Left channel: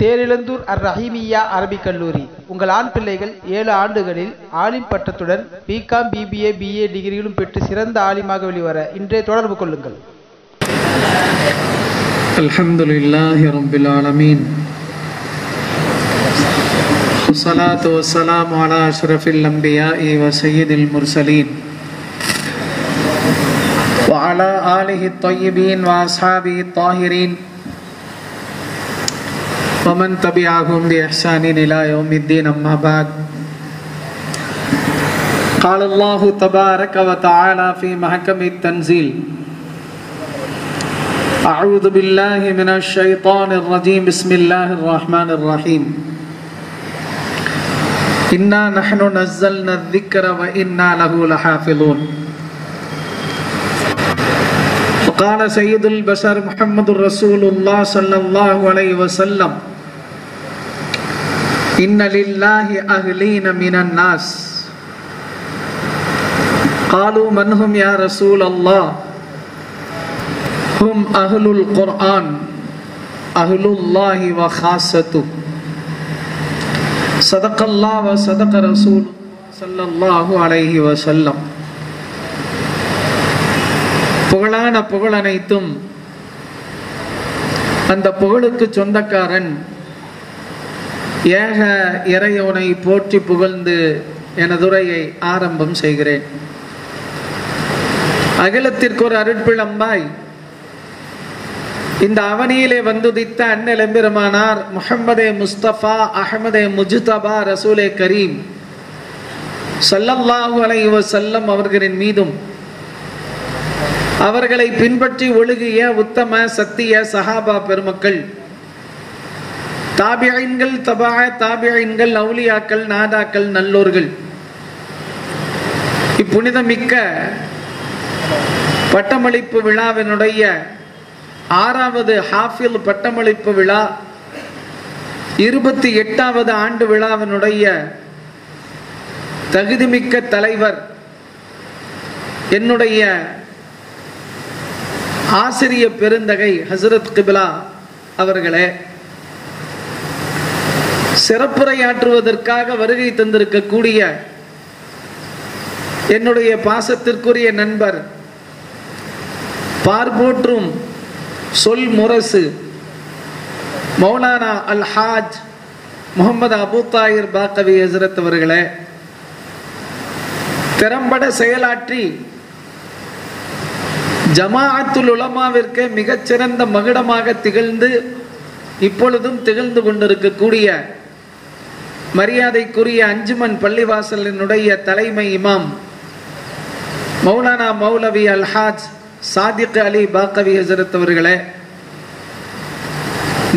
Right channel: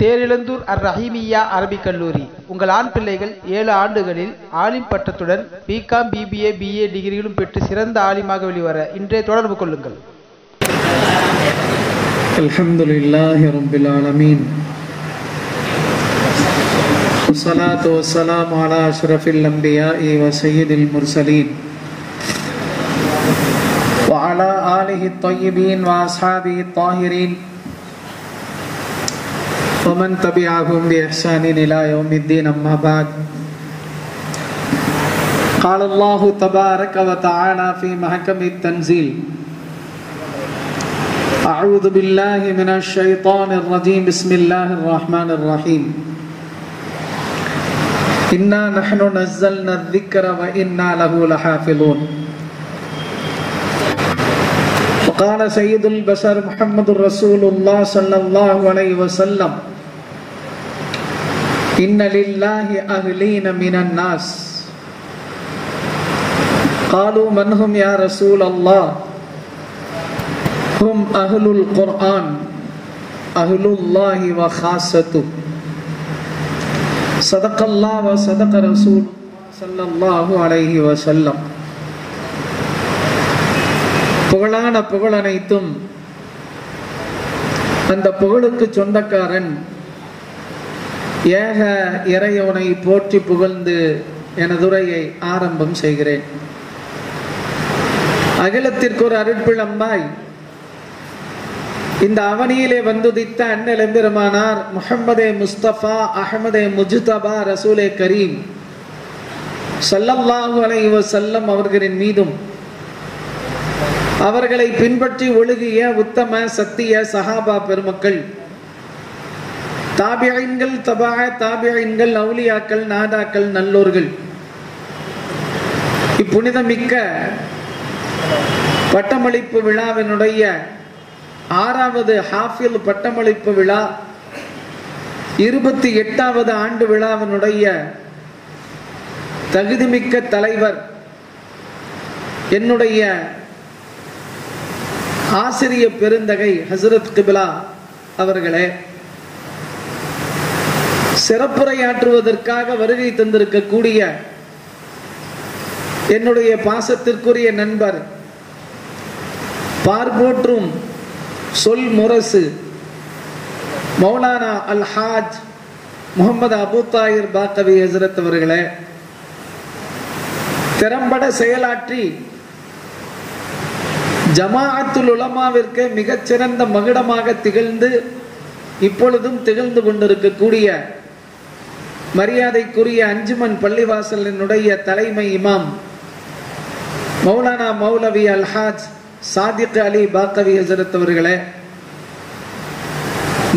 தேரிழந்தூர் அர் ரஹீமியா அரபிக் கல்லூரி. உங்கள் ஆண் பிள்ளைகள் 7 ஆண்டுகளில் ஆலிம் பட்டத்துடன் பிகாம், பிபிஏ, பிஏ டிகிரிகளும் பெற்று சிறந்த ஆலிமாக வெளிவர இன்றே தொடர்பு கொள்ளுங்கள். அல்ஹம்துலில்லாஹி ரப்பில் ஆலமீன். வஸ்ஸலாத்து வஸ்ஸலாமு அலா அஷ்ரஃபில் அன்பியாஇ வ ஸய்யிதில் முர்ஸலீன் வ அலா ஆலிஹி த்தய்யிபீன் வ அஸ்ஹாபிஹி த்தாஹிரீன் ومن تبعهم بإحسان إلى يوم الدين. أما بعد، قال الله تبارك وتعالى في محكم التنزيل: أعوذ بالله من الشيطان الرجيم. بسم الله الرحمن الرحيم. إنا نحن نزلنا الذكر وإنا له لحافظون. وقال سيد البشر محمد رسول الله صلى الله عليه وسلم: إن لله أهلين من الناس. قالوا من هم يا رسول الله؟ هم أهل القرآن، أهل الله وخاصته. صدق الله وصدق رسول صلى الله عليه وسلم. புகழான புகழனைத்தும் அந்த புகழுக்கு சொந்தக்காரன் ஏக இறையோனை போற்றி புகழ்ந்து எனதுரையை ஆரம்பம் செய்கிறேன். அகிலத்திற்கு ஒரு அருட்பிழம்பாய் இந்த அவனியிலே வந்துதித்த அண்ணல் எம்பெருமானார் முஹம்மதே முஸ்தபா அஹமதே முஜ்தபா ரசூலே கரீம் ஸல்லல்லாஹு அலைஹி வஸல்லம் அவர்களின் மீதும் அவர்களை பின்பற்றி ஒழுகிய உத்தம சத்திய சஹாபா பெருமக்கள், தாபியீன்கள், தபா தாபியீன்கள், அவுலியாக்கள், நாதாக்கள், நல்லோர்கள், இப்புனிதமிக்க பட்டமளிப்பு விழாவினுடைய 6வது ஹாஃபில் பட்டமளிப்பு விழா 28வது ஆண்டு விழாவினுடைய தகுதிமிக்க தலைவர் என்னுடைய ஆசிரிய பெருந்தகை ஹசரத் கிபிலா அவர்களே, சிறப்புரையாற்றுவதற்காக வருகை தந்திருக்கக்கூடிய என்னுடைய பாசத்திற்குரிய நண்பர், பார்போற்றும் சொல் முரசு மௌலானா அல் ஹாஜ் முகமது அபு தாயிர் பாக்கவி ஹசரத் அவர்களே, திறம்பட செயலாற்றி ஜமாஅத்துல் உலமாவிற்கு மிகச்சிறந்த மகுடமாக திகழ்ந்து இப்பொழுதும் திகழ்ந்து கொண்டிருக்கக்கூடிய மரியாதைக்குரிய அஞ்சுமன் பள்ளிவாசலினுடைய தலைமை இமாம் மௌலானா மௌலவி அல் ஹாஜ் சாதிக் அலி பாக்கவி ஹசரத் அவர்களே,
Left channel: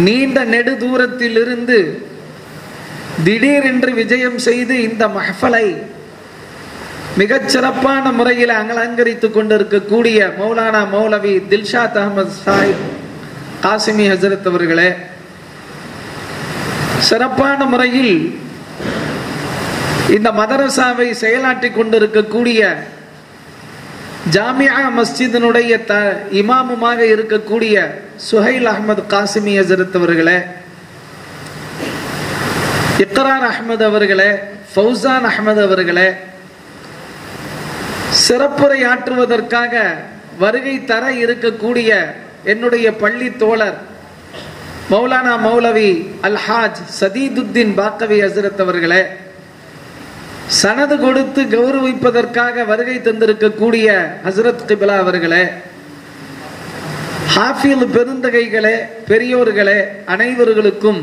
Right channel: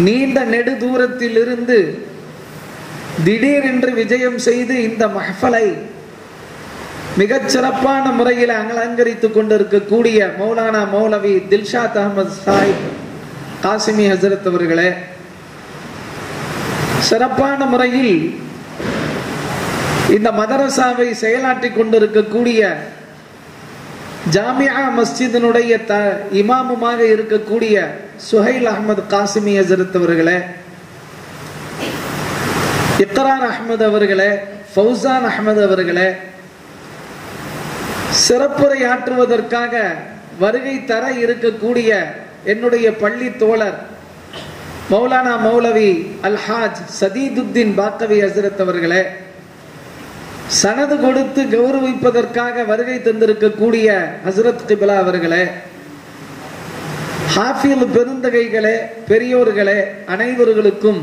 நீண்ட நெடு தூரத்தில் இருந்து திடீரென்று விஜயம் செய்து இந்த மஹ்ஃபலை மிகச் சிறப்பான முறையில் அலங்கரித்துக் கொண்டிருக்கக்கூடிய மௌலானா மௌலவி தில்ஷாத் அஹமது சாஹிப் காசிமி ஹசரத் அவர்களே, சிறப்பான முறையில் இந்த மதரசாவை செயலாற்றிக் கொண்டிருக்கக்கூடிய ஜாமியா மஸ்ஜிதினுடைய இமாமுமாக இருக்கக்கூடிய சுஹைல் அஹமது காசிமி ஹசரத் அவர்களே, இக்ரார் அஹமது அவர்களே, ஃபௌசான் அஹமது அவர்களே, சிறப்புரையாற்றுவதற்காக வருகை தர இருக்கக்கூடிய என்னுடைய பள்ளி தோழர் மௌலானா மௌலவி அல் ஹாஜ் சதீதுத்தீன் பாக்கவி ஹசரத் அவர்களே, சனது கொடுத்து கௌரவிப்பதற்காக வருகை தந்திருக்கக்கூடிய ஹசரத் கிபிலா அவர்களே, ஹாஃபில் பெருந்தகைகளே, பெரியோர்களே, அனைவர்களுக்கும்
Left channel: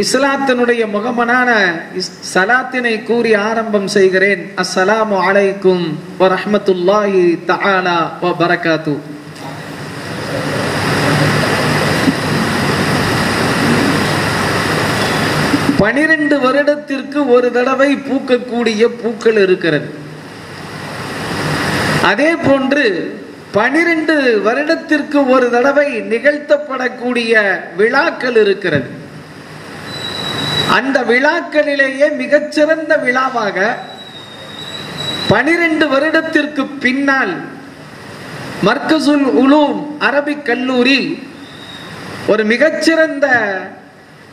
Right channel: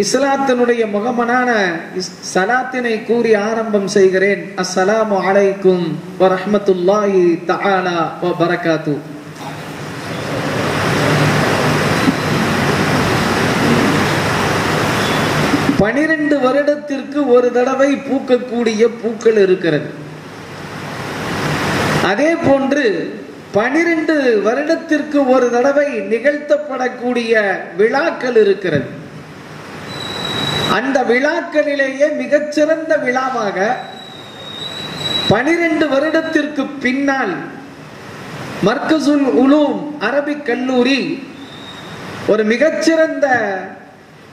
இஸ்லாத்தினுடைய முகமனான சலாத்தினை கூறி ஆரம்பம் செய்கிறேன். அஸ்ஸலாமு அலைக்கும் வ ரஹ்மத்துல்லாஹி தஆலா வ பரகாத்து. பனிரெண்டு வருடத்திற்கு ஒரு தடவை பூக்கக்கூடிய பூக்கள் இருக்கிறது. அதே போன்று 12 வருடத்திற்கு ஒரு தடவை நிகழ்த்தப்படக்கூடிய விழாக்கள் இருக்கிறது. அந்த விழாக்களிலேயே மிகச்சிறந்த விழாவாக 12 வருடத்திற்கு பின்னால் மர்கசுல் உலூம் அரபிக் கல்லூரி ஒரு மிகச்சிறந்த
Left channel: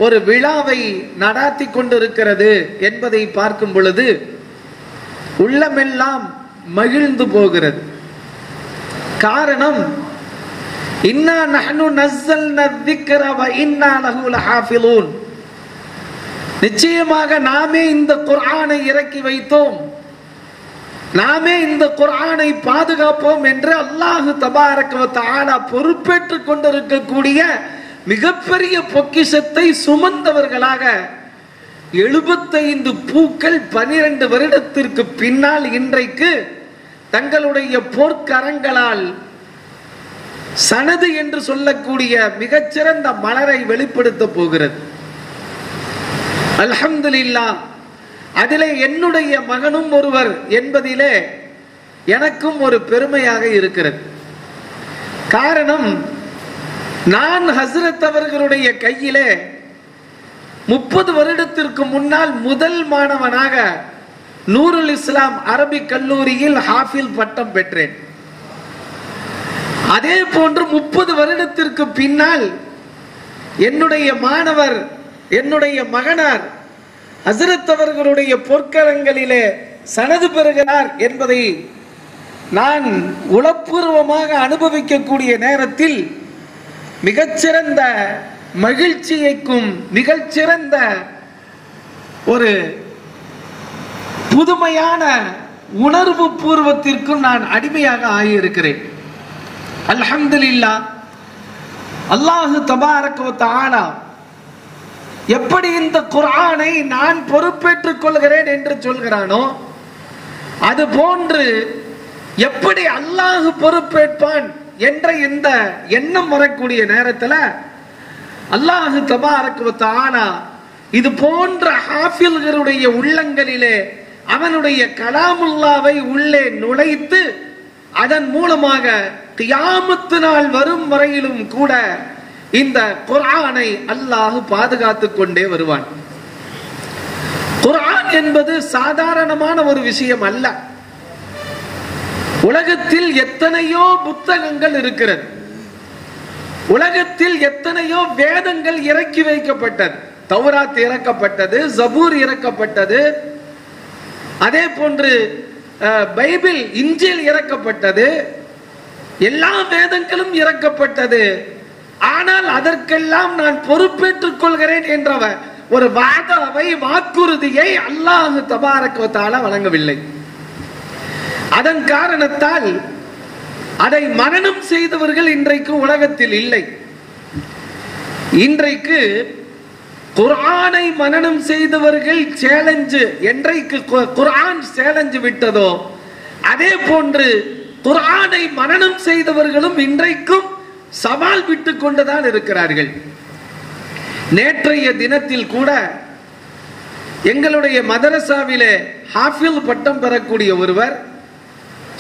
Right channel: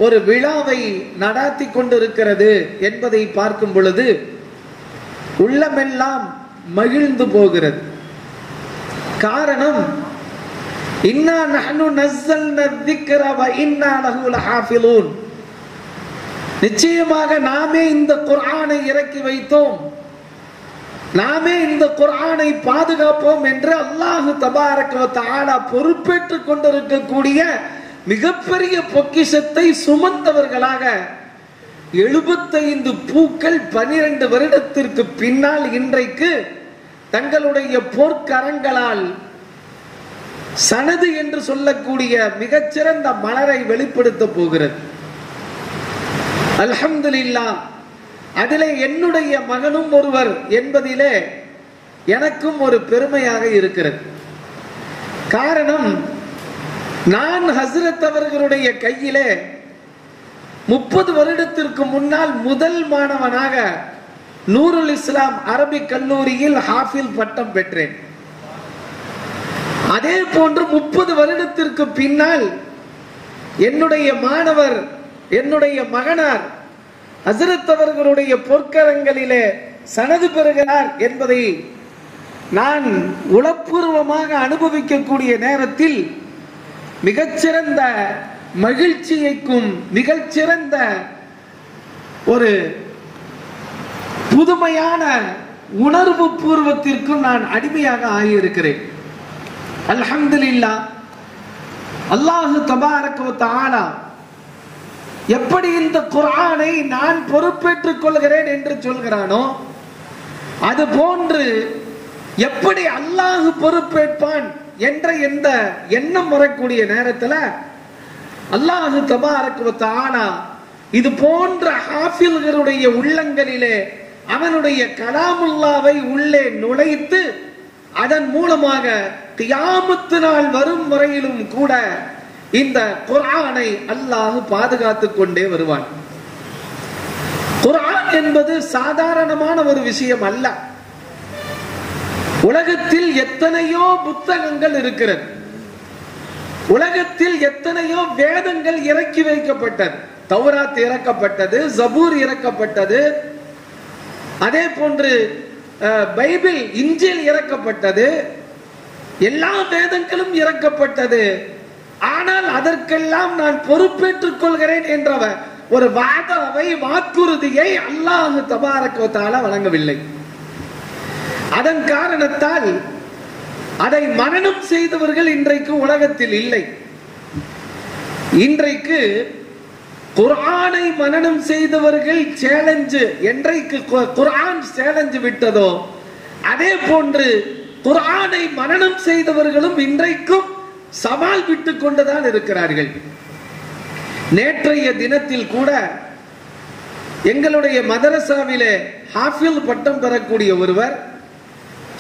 ஒரு விழாவை நடாத்தி கொண்டிருக்கிறது என்பதை பார்க்கும் பொழுது உள்ளமெல்லாம் மகிழ்ந்து போகிறது. காரணம், இன்னா நஹ்னு நஸ்ஸல்னா ذிக்ர வ இன்னா லஹு லஹாஃபிலூன், நிச்சயமாக நாமே இந்த குர்ஆனை இறக்கி வைத்தோம், நாமே இந்த குர்ஆனை பாதுகாப்போம் என்று அல்லாஹ் தபாரக வ தஆலா பொறுப்பேற்றுக் கொண்டிருக்கக்கூடிய மிகப்பெரிய பொக்கிஷத்தை சுமந்தவர்களாக 75 பூக்கள் 12 வருடத்திற்கு பின்னால் இன்றைக்கு தங்களுடைய போர்க்கரங்களால் சனது என்று சொல்லக்கூடிய மிகச்சிறந்த மலரை வெளிப்படுத்த போகிறது. அல்ஹம்துலில்லாஹ், அதிலே என்னுடைய மகனும் ஒருவர் என்பதிலே எனக்கும் ஒரு பெருமையாக இருக்கிறது. காரணம், நான் ஹஸ்ரத் அவர்களுடைய கையிலே 30 வருடத்திற்கு முன்னால் முதல் மாணவனாக நூருல் இஸ்லாம் அரபிக் கல்லூரியில் ஹாஃபில் பட்டம் பெற்றேன். அதே போன்று 30 வருடத்திற்கு பின்னால் என்னுடைய மாணவர், என்னுடைய மகனார் ஹஸ்ரத் அவர்களுடைய பொற்கரங்களிலே சனது பெறுகிறார் என்பதை நான் உளப்பூர்வமாக அனுபவிக்கக்கூடிய நேரத்தில் மிகச்சிறந்த மகிழ்ச்சியைக்கும் மிகச்சிறந்த ஒரு புதுமையான உணர்வு பூர்வத்திற்கும் நான் அடிமையாக ஆகியிருக்கிறேன். அல்ஹம்துலில்லாஹ், அல்லாஹ் தபாரக வ தஆலா எப்படி இந்த குர்ஆனை நான் பொறுப்பேற்றுக் கொள்கிறேன் என்று சொல்கிறானோ, அது போன்று எப்படி அல்லாஹ் பொறுப்பேற்பான் என்ற இந்த எண்ணம் வரக்கூடிய நேரத்தில் அல்லாஹ் தபாரக வ தஆலா இது போன்ற ஹாஃபில்களுடைய உள்ளங்களிலே அவனுடைய கலாமுல்லாவை உள்ளே நுழைத்து அதன் மூலமாக கியாமத்து நாள் வரும் வரையிலும் கூட இந்த குர்ஆனை அல்லாஹ் பாதுகாத்துக் கொண்டே வருவான். குர்ஆன் என்பது சாதாரணமான ஒரு விஷயம் அல்ல. உலகத்தில் எத்தனையோ புத்தகங்கள் இருக்கிறது, உலகத்தில் எத்தனையோ வேதங்கள் இறக்கி வைக்கப்பட்டது. தௌராத் இறக்கப்பட்டது, ஜபூர் இறக்கப்பட்டது, அதே போன்று பைபிள் இன்ஜில் இறக்கப்பட்டது, எல்லா வேதங்களும் இறக்கப்பட்டது. ஆனால் அதற்கெல்லாம் நான் பொறுப்பேற்றுக் கொள்கிறேன் என்ற ஒரு வாக்குறுதியை அல்லாஹ் தபாரக வ தஆலா வழங்கவில்லை. அதன் காரணத்தால் அதை மனனம் செய்தவர்கள் இன்றைக்கு உலகத்தில் இல்லை. இன்றைக்கு குர்ஆனை மனனம் செய்தவர்கள் சேலஞ்சு, என்றைக்கு குர்ஆன் சேலஞ்சு விட்டதோ அதே போன்று குர்ஆனை மனனம் செய்தவர்களும் இன்றைக்கும் சவால் விட்டுக் கொண்டுதான் இருக்கிறார்கள். நேற்றைய தினத்தில் கூட எங்களுடைய மதரசாவிலே ஹாஃபில் பட்டம் பெறக்கூடிய ஒருவர்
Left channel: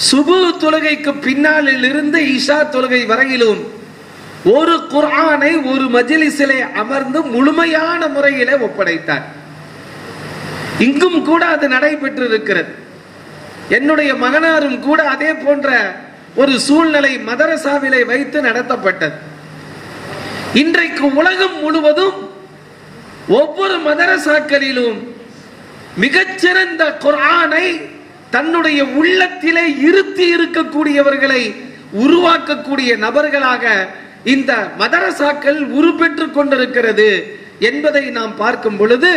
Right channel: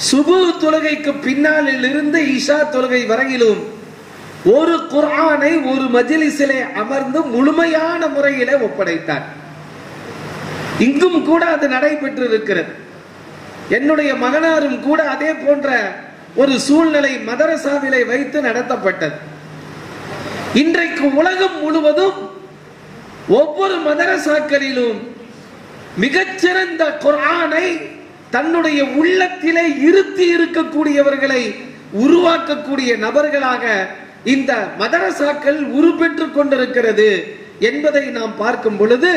சுபு தொழுகைக்கு பின்னாளில் இருந்து இஷா தொழுகை வரையிலும் ஒரு குர்ஆனை ஒரு மஜ்லிஸிலே அமர்ந்து முழுமையான முறையிலே ஒப்படைத்தார். இங்கும் கூட அது நடைபெற்று இருக்கிறது. என்னுடைய மகனாரும் கூட அதே போன்ற ஒரு சூழ்நிலை மதரசாவிலே வைத்து நடத்தப்பட்டது. இன்றைக்கு உலகம் முழுவதும் ஒவ்வொரு மதரசாக்களிலும் மிகச்சிறந்த குர்ஆனை தன்னுடைய உள்ளத்திலே இருத்தி இருக்கக்கூடியவர்களை உருவாக்கக்கூடிய நபர்களாக இந்த மதரசாக்கள் உருப்பெற்றுக் கொண்டிருக்கிறது என்பதை நாம் பார்க்கும் பொழுது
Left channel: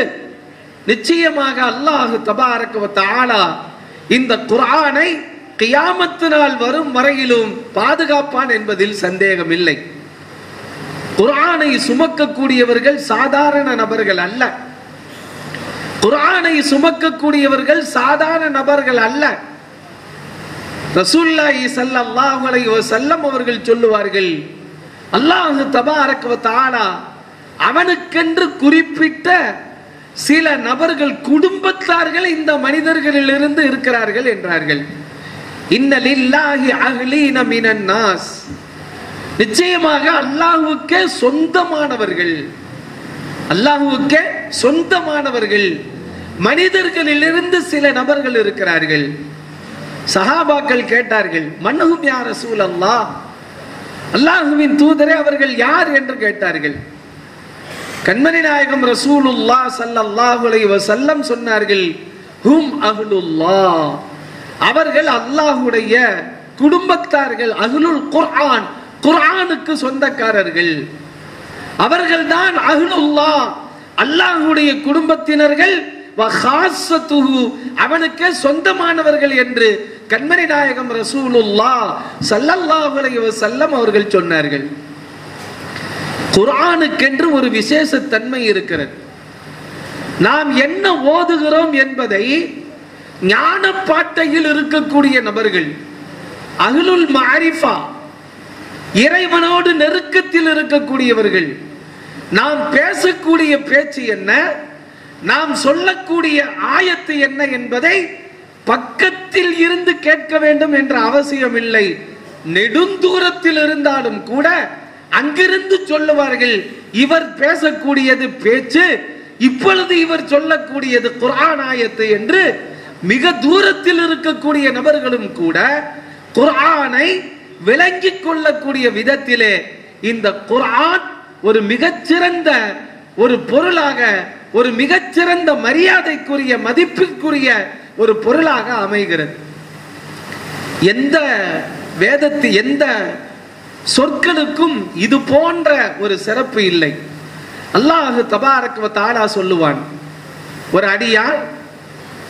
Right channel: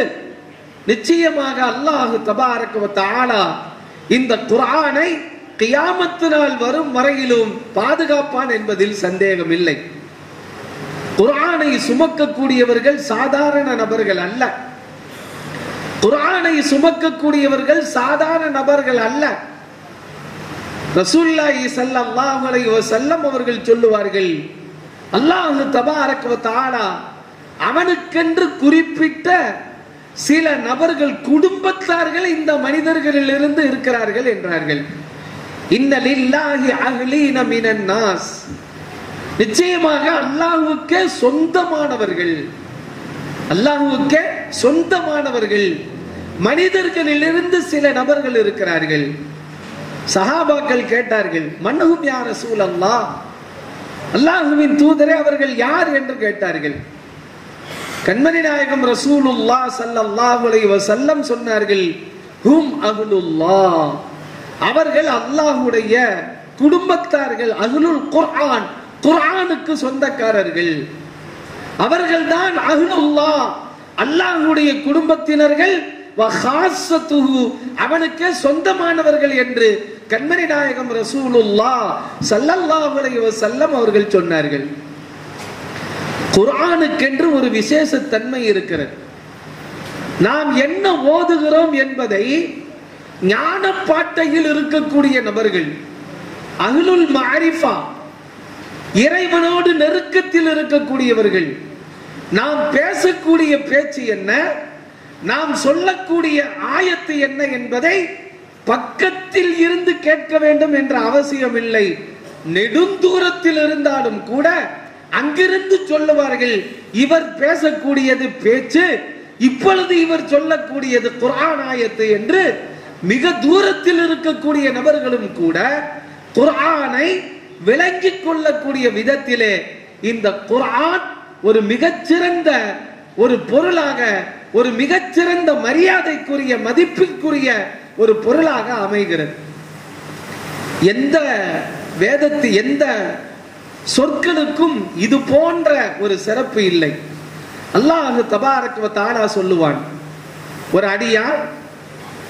நிச்சயமாக அல்லாஹ் தபாரக வ தஆலா இந்த குர்ஆனை கியாமத்து நாள் வரும் வரையிலும் பாதுகாப்பான் என்பதில் சந்தேகம் இல்லை. குர்ஆனை சுமக்கக்கூடியவர்கள் சாதாரண நபர்கள் அல்ல. குர்ஆனை சுமக்கக்கூடியவர்கள் சாதாரண நபர்கள் அல்ல. ரசூலுல்லாஹி ஸல்லல்லாஹு அலைஹி வஸல்லம் அவர்கள் சொல்லுவார்கள், அல்லாஹ் தபாரக வ தஆலா அவனுக்கென்று குறிப்பிட்ட சில நபர்கள், குடும்பத்தார்கள் இந்த மனிதர்களிலிருந்து இருக்கிறார்கள் என்றார்கள். இன்ன லில்லாஹி அஹ்லீன மினன் நாஸ், நிச்சயமாக அல்லாஹ்வுக்கே சொந்தமானவர்கள், அல்லாஹ்வுக்கே சொந்தமானவர்கள் மனிதர்களிலிருந்து சில நபர்கள் இருக்கிறார்கள். சஹாபாக்கள் கேட்டார்கள், மன்ஹும் யா ரசூலல்லாஹ், அல்லாஹ்வின் தூதரே அவர்கள் யார் என்று கேட்டார்கள். கண்மணி நாயகம் ரசூலுல்லாஹ் ஸல்லல்லாஹு அலைஹி வஸல்லம் சொன்னார்கள், ஹும் அஹ்லுல்லாஹ், அவர்கள் அல்லாஹ்வுடைய குடும்பத்தார்கள், அஹ்லுல் குர்ஆன், குர்ஆனுக்கு சொந்தக்காரர்கள், அவர்கள்தான் அஹ்லுல்லாஹ், அல்லாஹ்வுடைய குடும்பத்தினர்கள், வ ஹாஸத்துஹு, அவனுக்கு சொந்தமானவர்கள் என்று கண்மணி நாயகம் ரசூலுல்லாஹ் ஸல்லல்லாஹு அலைஹி வஸல்லம் அவர்கள் சொன்னார்கள். குர்ஆனுக்கென்று ஒரு விசேஷ தன்மை இருக்கிறது. நாம் என்ன ஓதுகிறோம் என்பதை ஞானப்பாட்டையில் இருக்கக்கூடிய நபர்கள், அஹ்லுல் மஅரிஃபா, இறைவனோடு நெருக்கத்தில் இருக்கக்கூடியவர்கள், நாம் பேசக்கூடிய பேச்சு என்ன, நாம் சொல்லக்கூடிய ஆயத்து என்ன என்பதை பக்கத்தில் இருந்து கேட்க வேண்டும் என்ற அவசியம் இல்லை. நெடுந்தூரத்தில் இருந்தாலும் கூட அங்கிருந்து சொல்லுவார்கள், இவர் பேசக்கூடியது பேச்சு, இப்பொழுது இவர் சொல்லக்கூடியது குர்ஆன் ஆயத்து என்று. மிக தூரத்தில் இருக்கக்கூடிய நபர்களும் கூட குர்ஆனை விளங்கிக் கொள்ளக்கூடிய விதத்திலே இந்த குர்ஆன் ஒரு மிகச்சிறந்த ஒரு பொருளாக, ஒரு மிகச்சிறந்த மரியாதைக்குரிய, மதிப்பிற்குரிய ஒரு பொருளாக அமைகிறது. எந்த வேதத்து, எந்த சொற்களுக்கும் இது போன்ற ஒரு சிறப்பு இல்லை. அல்லாஹ் தபாரக வ தஆலா சொல்லுவான், ஒரு அடியார்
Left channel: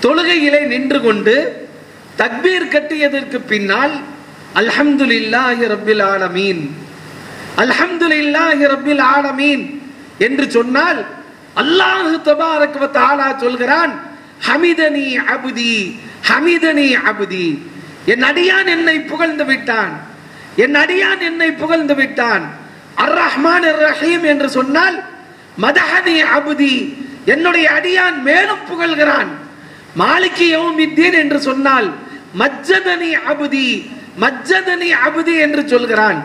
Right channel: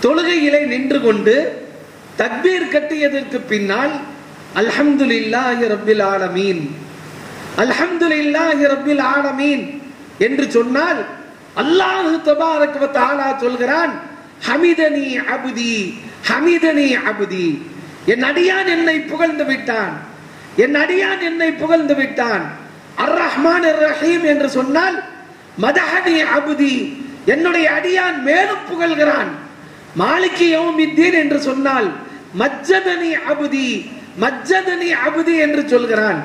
தொழுகையிலே நின்று கொண்டு தக்பீர் கட்டியதற்கு பின்னால் அல்ஹம்துலில்லாஹி ரப்பில் ஆலமீன், அல்ஹம்துலில்லாஹி ரப்பில் ஆலமீன் என்று சொன்னால் அல்லாஹ் தபாரக வ தஆலா சொல்கிறான், ஹமிதனி அப்தி, ஹமிதனி அப்தி, என் அடியான் என்னை புகழ்ந்து விட்டான், என் அடியான் என்னை புகழ்ந்து விட்டான். அர் ரஹ்மான் அர் ரஹீம் என்று சொன்னால் மதஹனி அப்தி, என்னுடைய அடியான் மேலும் புகழ்கிறான். மாலிகி யௌமித்தீன் என்று சொன்னால் மஜ்ஜதனி அப்தி, மஜ்ஜதனி அப்தி என்று சொல்கிறான்.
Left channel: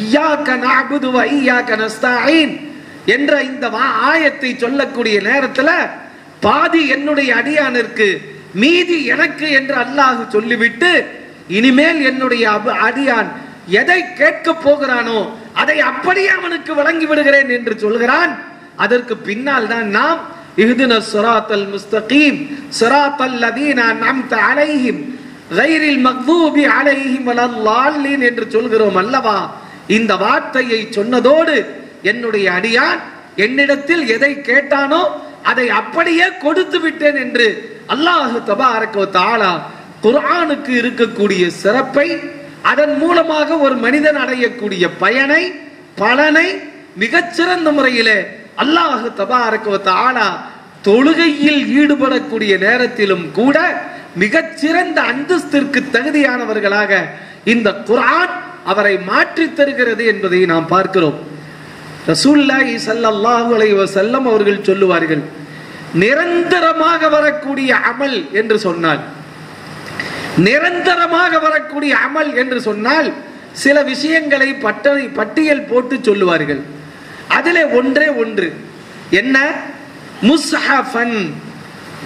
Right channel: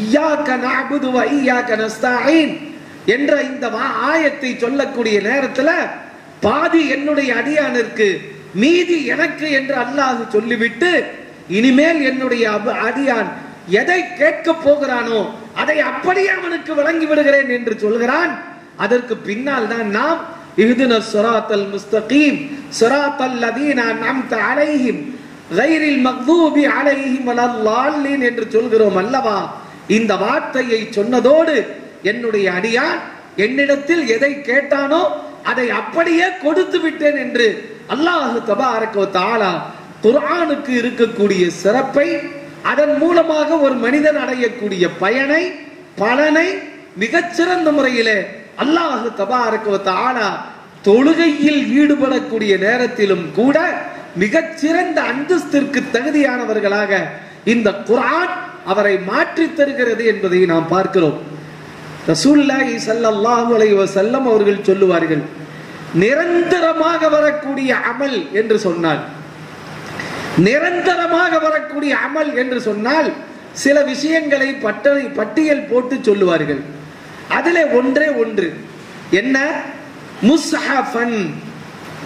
இய்யாக நஅபுது வ இய்யாக நஸ்தஈன் என்ற இந்த ஆயத்தை சொல்லக்கூடிய நேரத்தில் பாதி என்னுடைய அடியானிற்கு, மீதி எனக்கு என்று அல்லாஹ் சொல்லிவிட்டு, இனிமேல் என்னுடைய அடியான் எதை கேட்க போகிறானோ அதை அப்படியே அவனுக்கு வழங்கி விடுகிறேன் என்று சொல்கிறான். அதற்கு பின்னால் தான் நாம் இஹ்தினஸ் ஸிராத்தல் முஸ்தகீம் ஸிராத்தல் லதீன அன்அம்த அலைஹிம் கைரில் மக்தூபி அலைஹிம் வலல்லாலின் என்று சொல்கிறோம் அல்லவா. இந்த வார்த்தையை சொன்னதோடு என்னுடைய அடியான் என்னிடத்தில் எதை கேட்டானோ அதை அப்படியே கொடுத்து விட்டேன் என்று அல்லாஹ் தபாரக வ தஆலா குர்ஆனுக்கு இருக்கக்கூடிய சிறப்பை, அதன் மூலமாக ஒரு மனிதன் அடையக்கூடிய பயனை, பலனை மிகச்சிறந்த முறையிலே அல்லாஹ் தபாரக வ தஆலா தொழுகையில் ஈடுபடக்கூடிய நேரத்திலும் கூட மிகச்சிறந்த அந்தஸ்திற்கு தகுதியானவர்களாக இந்த குர்ஆன் அவரை மாற்றி தருகிறது என்பதை நாம் பார்க்கிறோம். ரசூலுல்லாஹி ஸல்லல்லாஹு அலைஹி வஸல்லம் அவர்கள் சொல்லுவார்கள், நிரந்தரமாக வரக்கூடிய அமல் என்று சொன்னால், நிரந்தரமாக வரக்கூடிய அமல் என்று சொன்னால் சில விஷயங்களை பட்டியல் போட்டு சொல்லுவார்கள். அதிலே ஒன்றே ஒன்று என்ன, முஸ்ஹஃபன்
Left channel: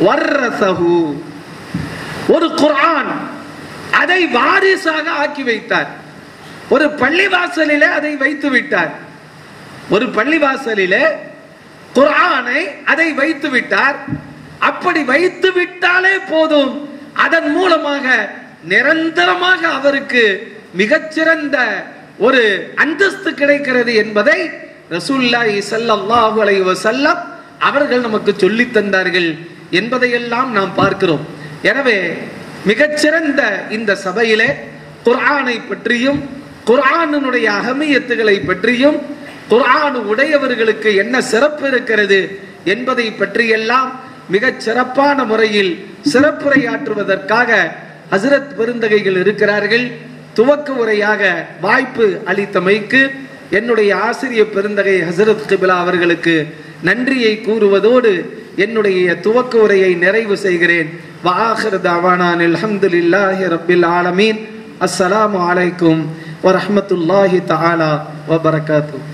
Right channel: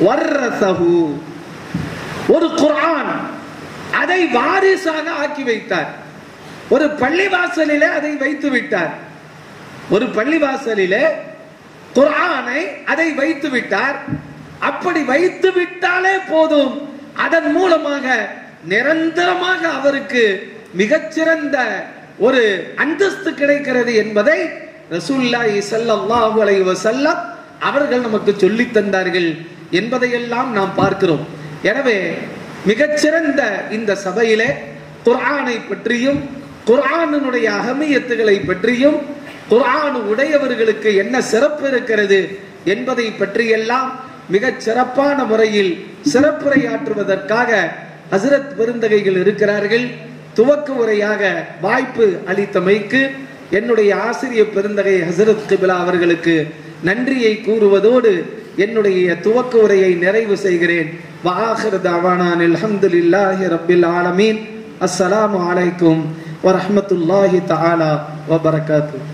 வர்ரஸஹு, ஒரு குர்ஆன் அதை வாரிசாக ஆக்கி வைத்தார். ஒரு பள்ளிவாசலிலே அதை வைத்து விட்டார். ஒரு பள்ளிவாசலிலே குர்ஆனை அதை வைத்து விட்டார். அப்படி வைத்து விட்டாலே போதும், அதன் மூலமாக நிரந்தரமாக அவருக்கு மிகச்சிறந்த ஒரு அந்தஸ்து கிடைக்கிறது என்பதை ரசூலுல்லாஹி ஸல்லல்லாஹு அலைஹி வஸல்லம் அவர்கள் நமக்கு சொல்லி தந்தார்கள் என்பதையெல்லாம் நாம் பார்க்கிறோம். எனவே மிகச்சிறந்த இந்த சபையிலே குர்ஆனை பற்றியும், குர்ஆனுடைய அகமியத்துகளை பற்றியும், குர்ஆன் உடையவர்களுக்கு என்ன சிறப்பு இருக்கிறது என்பதை பற்றியெல்லாம் மிகச் சிறப்பான முறையில் சிறப்புரையாற்றுவதற்காக ஹஸ்ரத் பெருந்தகைகள் இருக்கிறார்கள். துவக்க உரையாக வாய்ப்பு அளித்தமைக்கு என்னுடைய ஆசிரியர் பெருந்தகை ஹஸ்ரத் கிபிலா அவர்களுக்கு நன்றியை கூறுவதோடு என்னுடைய துவக்க உரையை நிறைவு செய்கிறேன். வஆகிரு தஅவானா அல்ஹம்துலில்லாஹி ரப்பில் ஆலமீன். அஸ்ஸலாமு அலைக்கும் வரஹ்மத்துல்லாஹி தஆலா வபரகாத்துஹு.